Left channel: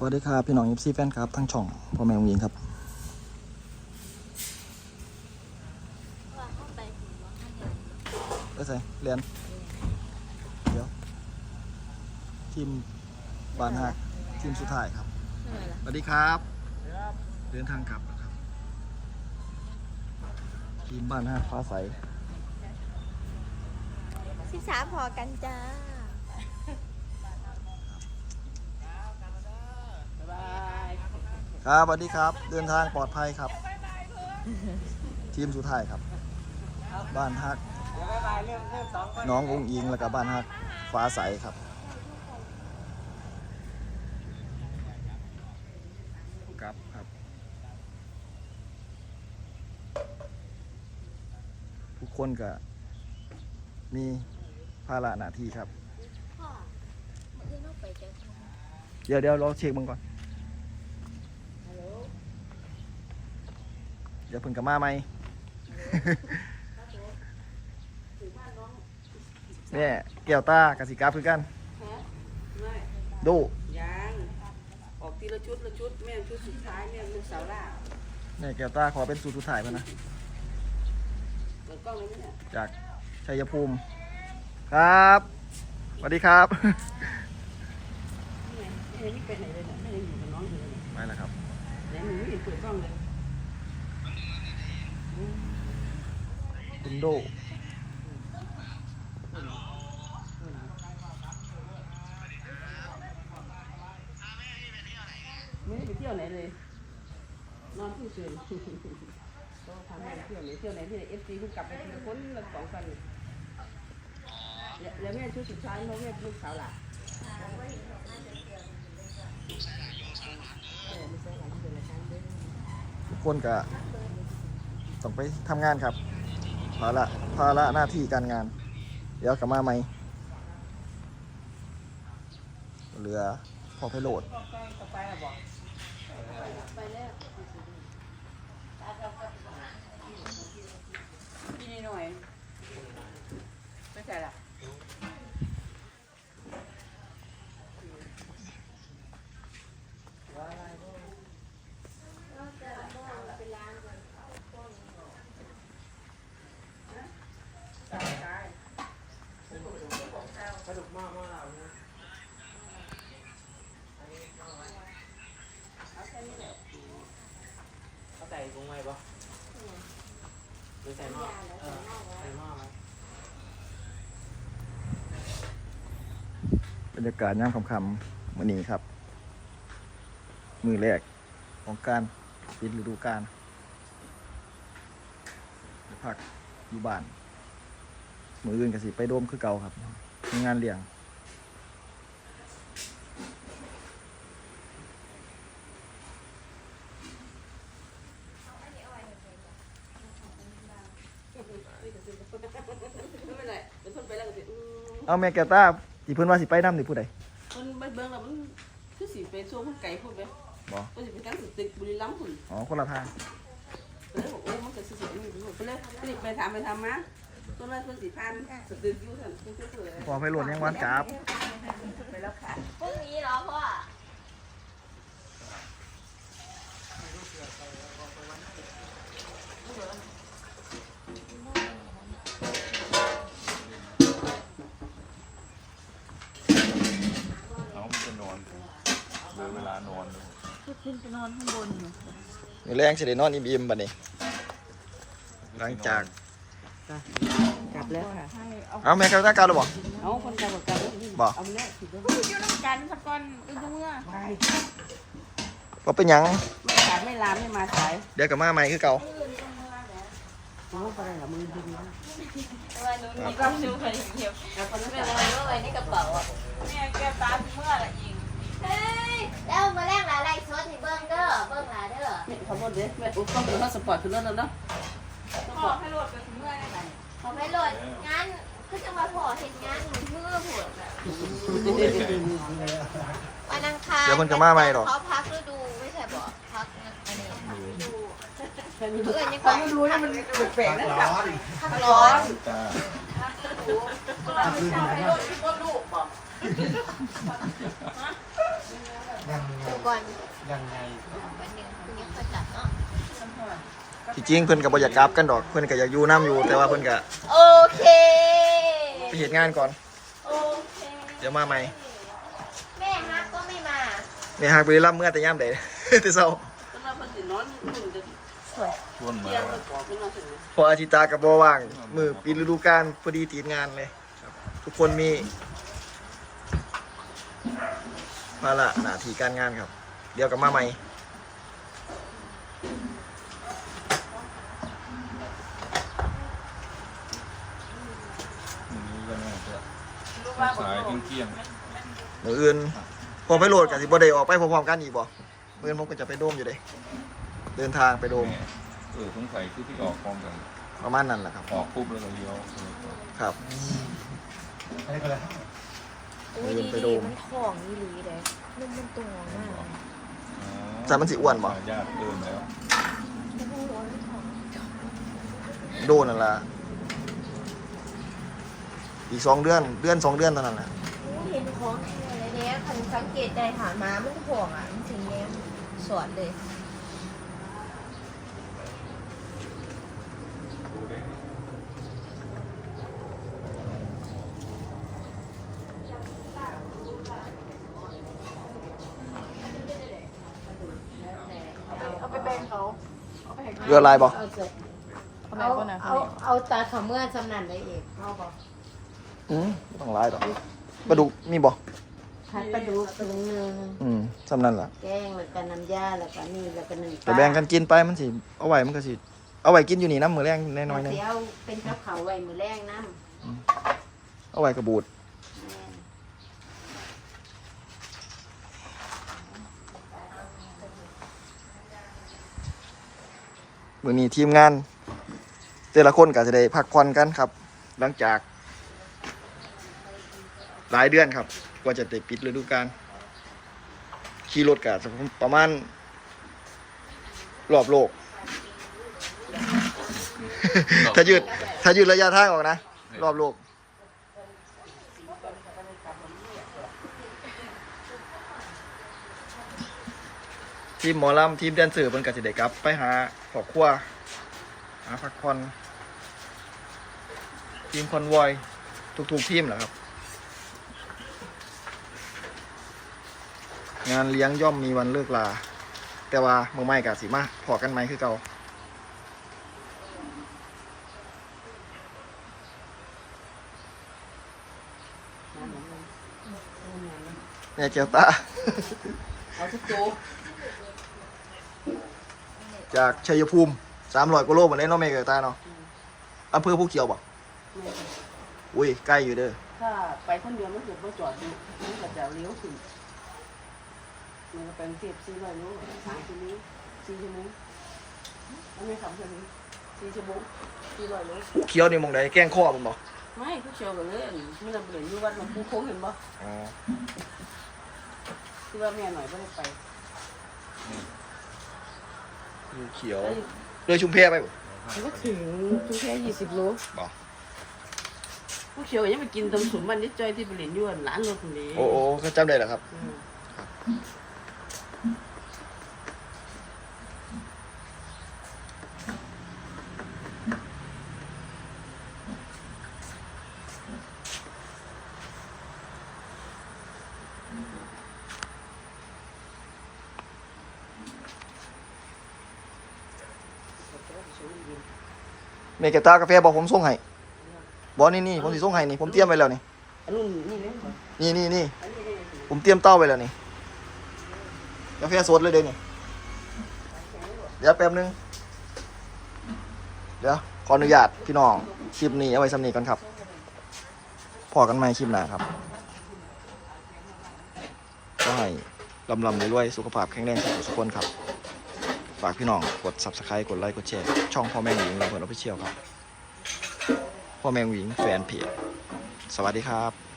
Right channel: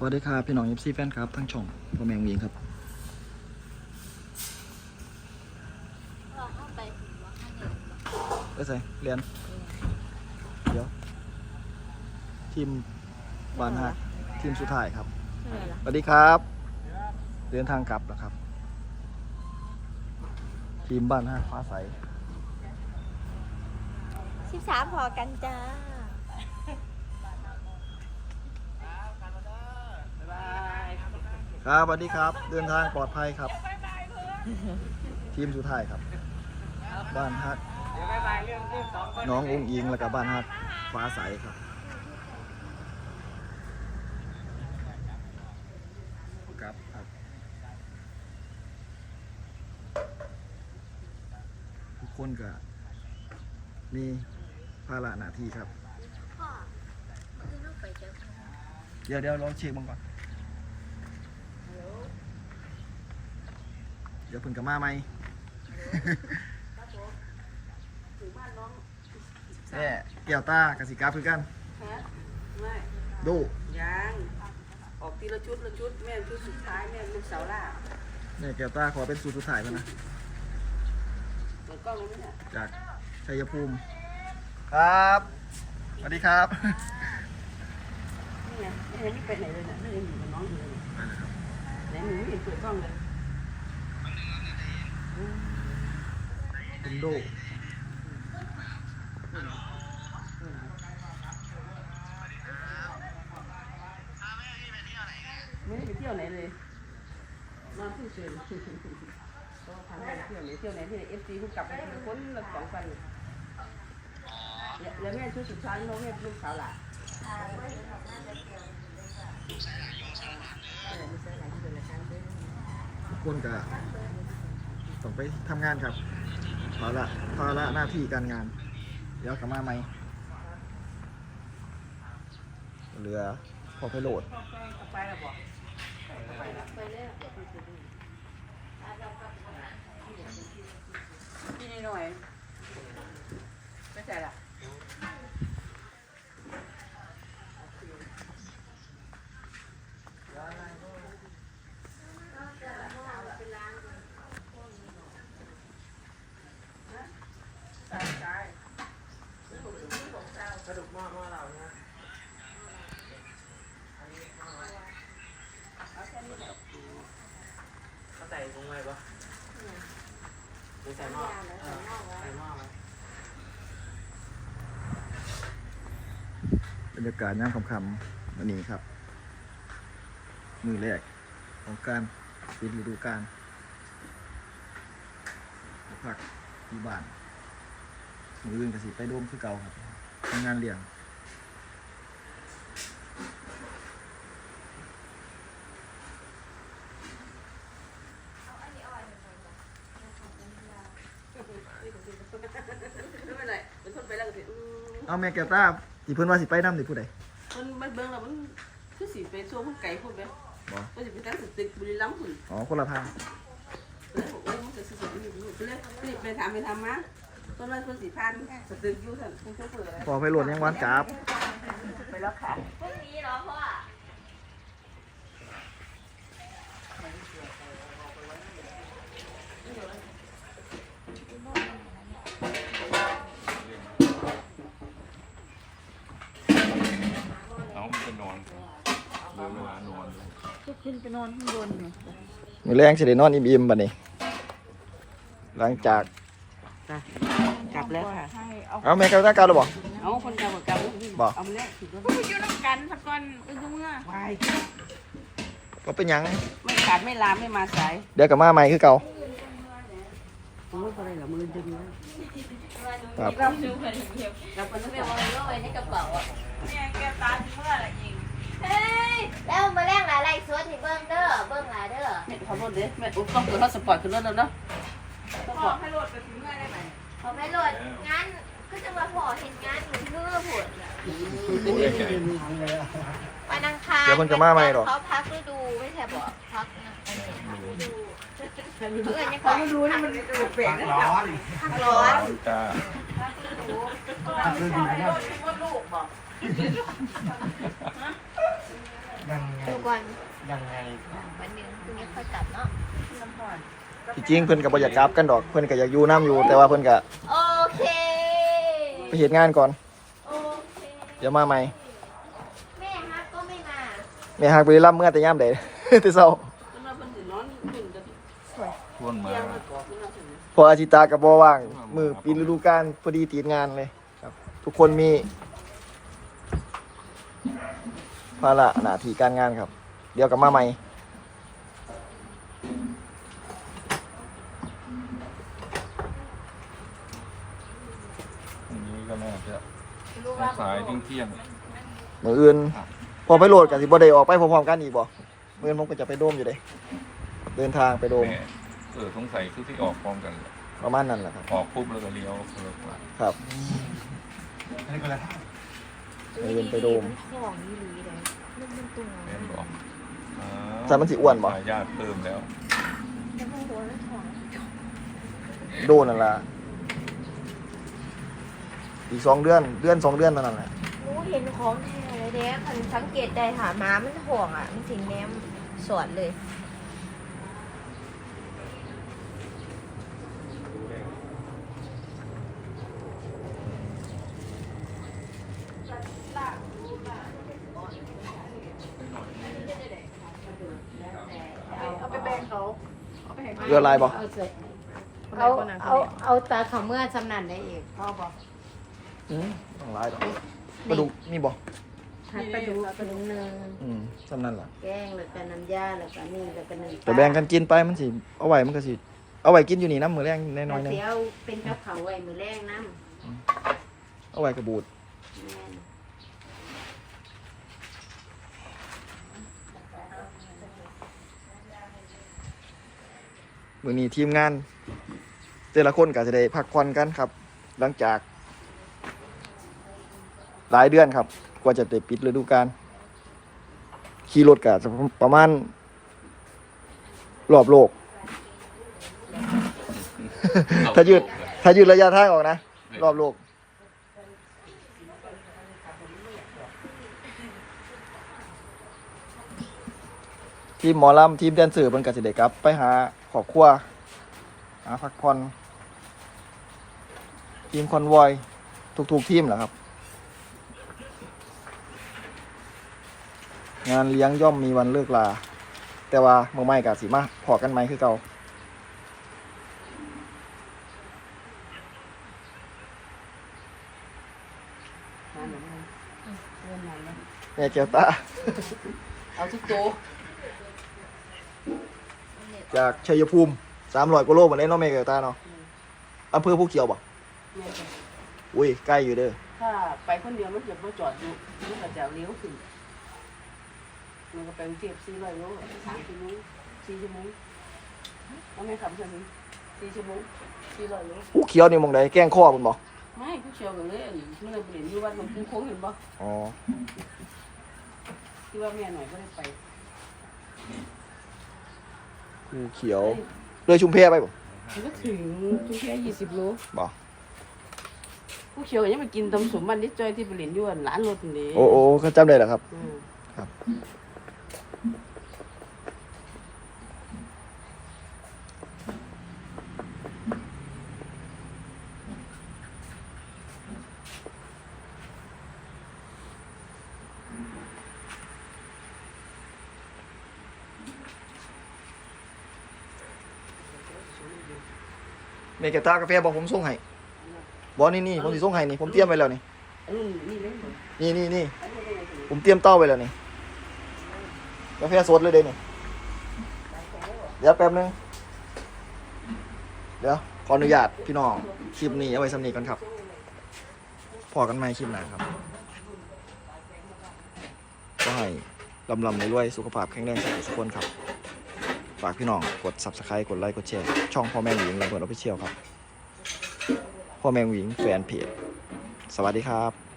สวัสดีครับพี่น้องเอฟซีแฟนครับทั้งช่องพ่อแม่วงยิงครับว่าเข้าไปถึงว่าข้าเดินบ่ได้ใส่เรียนเดี๋ยว ทีมบานหักทีมสุดท้ายครับสวัสดีครับเดินทางกลับนะครับ ทีมบ้านหักฟ้าใสสิบสามพอกันจ้า ครับสวัสดีครับ เดินทางปลอดภัยครับ ทีมสุดท้ายครับ บ้านฮักน้ององอิงแล้วก็บ้านฮักฟ้าใสครับครับครับทุกคนก็มีภาระหน้าที่ครับพ่อเมื่อคืนลูกไปเจอคนเดี๋ยวเดี๋ยวรอเช็คมึงก่อน เดี๋ยวเพิ่งกลับมาไหมเนี่ยแก้วตากสิกราฟคือกันฮะไม่ดูยังออกทีละชุดละชุดแม่งชุดสุดท้ายแม่งลูกสาวล่าเนี่ยแก้วตาขอเป็นสูตรสุดท้ายมานะเปิดกล้องเลยไหมเนี่ยจากชัยภูมิ ครับสวัสดีครับเนี่ยไม่เห็นไปไหนเลยนะไม่ได้อยู่กับน้องอยู่เลยไปแล้วครับไหนหนูไม่เห็นเปิดกล้องเลย คุณโดไม่ได้ไปเที่ยวไหนเลยนอนเฉยๆก็พาแม่ไปเที่ยวไหนเที่ยวไหนที่ไหนเอฟซีเพิ่งกลับไปทีละคนละสองกันเนี่ยแล้วแล้วแม่ชุดสุดท้ายน้องแม่เป็นลูกสาวหล่ะเออไม่ใช่หลายที่เป็นรายการเด้อทุกคนก็ ต้องไปทำงานครับภาระภาระหน้าที่การงาน เดี๋ยวกลับมาไหมเหลือพอไพโหลดต่อไปเราบอกไปแล้วกินหน่อยไม่ใช่ละ เขาใส่ถุงไว้ปะหรือใส่หม้อเออใส่หม้อไว้ บ รรยากาศย่ำคำๆวันนี้ครับ มือแรกของการปิดฤดูกาลพักอยู่บ้าน มืออื่นก็สิไปโดมคือเก่าครับทำงานเลี้ยงไม่เป็นไรเดี๋ยวทนไปแล้วก็สิอืมเอาแม่แกวต้า ที่เพิ่นว่าสิไปน้ำนี่ผู้ใดมันไม่เบิ่งแล้วมันคือสิไปช่วงคนไก่พุ่นไปบ่ก็สิไปตั้งสตึกบุรีรัมย์พุ่นอ๋อคนละทางไปเลยบอกโอ้มันก็สิสิมีพุ่นไปเลยไปไปถามไปทำมาต้นนั้นคนสิพันสตึกอยู่ท่านผู้ช่วยเผื่ออะไรพอไพโหลดยังหวันกราบไปแล้วค่ะ พรุ่งนี้เหรอพ่อ เอาไปนอนเหลยเวลานอนดูจะขึ้นไปนอนข้างบนอยู่มือแรงสิได้นอนอิ่มๆบัดนี้ หลังจาก กลับแล้วค่ะ ให้เอาเอาแม่แกวต้ากลับแล้วบ่เอาคนกลับกับกลับบ่เอามาแล้วถือว่าอยู่น้ำกันสักก่อนไปดูเมื่อวายก็เป็นหยัง ไม่ขาดไม่ลามไม่มาสาย เดี๋ยวกลับมาใหม่คือเก่า ถือว่าอะไรหรอมือดึงนะครับเราดูคนเดียวกลับคนนั้นไม่กลับลอยว่าอะไรในกระเป๋าอะแม่แกปลาเมื่อไหร่อีกเฮ้ยแล้วมาแลกหลายไรสวดให้เบิ้งเด้อเบิ้งหลายเด้อแม่ขอโทษเด้แม่อุ้ต้องเปิดห้องสปอร์ตขึ้นรถแล้วเนาะสปอร์ตให้รถไปถึงเมื่อไหร่เขาไม่โหลดงานคือจะมาพอเห็นงานหนูเพื่อผลวันอังคารเดี๋ยวเพิ่นกลับมาใหม่หรอเขาพักฤดูไม่ใช่บอกพักอันนี้ เพื่อนยังฟัก็งดูแล้วมันแปลกๆนะร้อนพักร้อนจ้าลูกบอกดูกก่อนยังไงวันหนึ่งพรุ่งนี้ค่อยกลับเนาะที่จริงเพิ่นก็บ่อยากกลับกันดอกเพิ่นก็อยากอยู่น้ำอยู่ แต่ว่าเพิ่นก็โอเคไปเฮ็ดงานก่อนโอเคเดี๋ยวมาใหม่แม่ฮักก็ไม่มาแม่ฮักไปรับเมื่อแต่ยามใดแต่เช้าต้องมา ชวนมาเตียงให้กรอบไปนอนเสร็จไหมพออาทิตย์ตาก็บ่ว่าง มือปีฤดูกาลพอดีติดงานเลยครับ ทุกคนมีภาระหน้าที่การงานครับ เดี๋ยวกลับมาใหม่อันนี้ก็น่าจะสายๆเที่ยงมืออื่น พอไปโหลดกับสิบ่ได้ออกไปพร้อมๆกันอีกบ่มืออื่นผมก็จะไปโดมอยู่เลย เดินทางไปๆโดม แม่เออสงสัยที่ที่ออกพร้อมกันประมาณนั้นแหละครับ ออกปุ๊บแล้วก็เลี้ยวครับอะไรก็ได้มืออื่นไปโดมของนี่หลีเลยนี่มันตัวเห็นบอกแต่มันสิอ้วนบ่ญาติเติมแล้วโดนนั่นล่ะอีกสองเดือนเดือนสองเดือนเท่านั้นแหละโอ้เห็นของแท้เลยเด้คนสังเกตได้ถามมามันห่วงอะมันถึงแนวสวนเลย เอาไปแบ่งเขา เรือลายบ่เอาเอาเอาตาเขาเมื่อจำนันได้เองพ่อบอกอืมบ่ต้องลายดอกกระดูกมีบ่พัดกระดูกกระดูกหนึ่งอืมสำนั่นล่ะแกงแล้วก็น้ำยาแล้วก็นี่แล้วก็หนึ่งจะแบ่งกันกินไปมันสิเอาไว้มันก็สิเอาไว้กินอยู่นี่น้ำมือแรงน้อยๆหนึงเดี๋ยวเป็นกระเขาไว้มือแรงน้ำเอาไว้กระบูด แม่น มือนี้ทีมงาน แต่ละคนก็จะได้พักผ่อนกันครับ หลังจาก หลายเดือนครับ กว่าจะได้ปิดฤดูกาลขี่รถก็จะประมาณรอบโลก ถ้ายืดถ้ายืดระยะทางออกนะ รอบโลก ทีมหมอลำทีมแดนเซอร์มันก็สิได้กลับ ไปหาครอบครัวหาพักผ่อนทีมคอนวอยทุกๆทีมแหละครับ งานเลี้ยงย่อมมีวันเลิกลา แต่ว่าเมื่อไม่กะสิมาพอกันไหมคือเก่าแม่แก้วตา เอาทุกโต จากชัยภูมิสามร้อยกิโลเหมือนเล่นน้องเมย์กับตาเนาะอำเภอผู้เขียวบ่แม่นจ้ะอุ้ยใกล้อยู่เด้อถ้าไปคนเดียวมันเกิดว่าจอดอยู่มันก็จะเลี้ยวขึ้นมันก็เป็นเก็บสี่ร้อยโลสามชั่วโมงสี่ชั่วโมงแล้วไม่ขับเท่านี้สี่ชั่วโมงสี่ร้อยโลผู้เขียวนี่หมองใดแกล้งข้อมันบ่ไม่ผู้เชี่ยวกันเลยอันนี้มันจะเปลี่ยนอยู่วัดหลวงปู่โค้งเห็นบ่อ๋อ คือว่าแม่หน่อยไม่ได้ไป ผู้เขียวเลยชุมเพไปบ่มันก็ถึงถึงแค่ยี่สิบโลบ่ผู้เชี่ยวยังไปกินตำสมมันนิดจอยที่ไปเรียนอยู่อันร้านรถนี่โอ้โอ้เขาจำได้เหรอครับ อืม เมกาตากาแฟบอกผมส่งให้บอนี่นี่ผมสิส่งให้นี่ผมเตรียมไว้แล้วนี่อันนี้นี่เลยบ่นี่นี่นี่ผมเตรียมเต้าไว้แล้วนี่กาแฟสดเลยเด้นี่เดี๋ยวแป๊บนึงเดี๋ยวขออนุญาตพี่น้องคลิปนี้เอาไว้สำนีก่อนครับพอกันไหมคลิปหน้าครับก็ให้ลำลำรวยๆสุขภาพแข็งแรงสุขสุขคนครับ ฝากพี่น้องกด subscribe กดไลค์กดแชร์ช่องพ่อแม่หญิงลำเพลินออฟฟิเชียลครับ พ่อแม่หญิงแฟนเพจสวัสดีครับ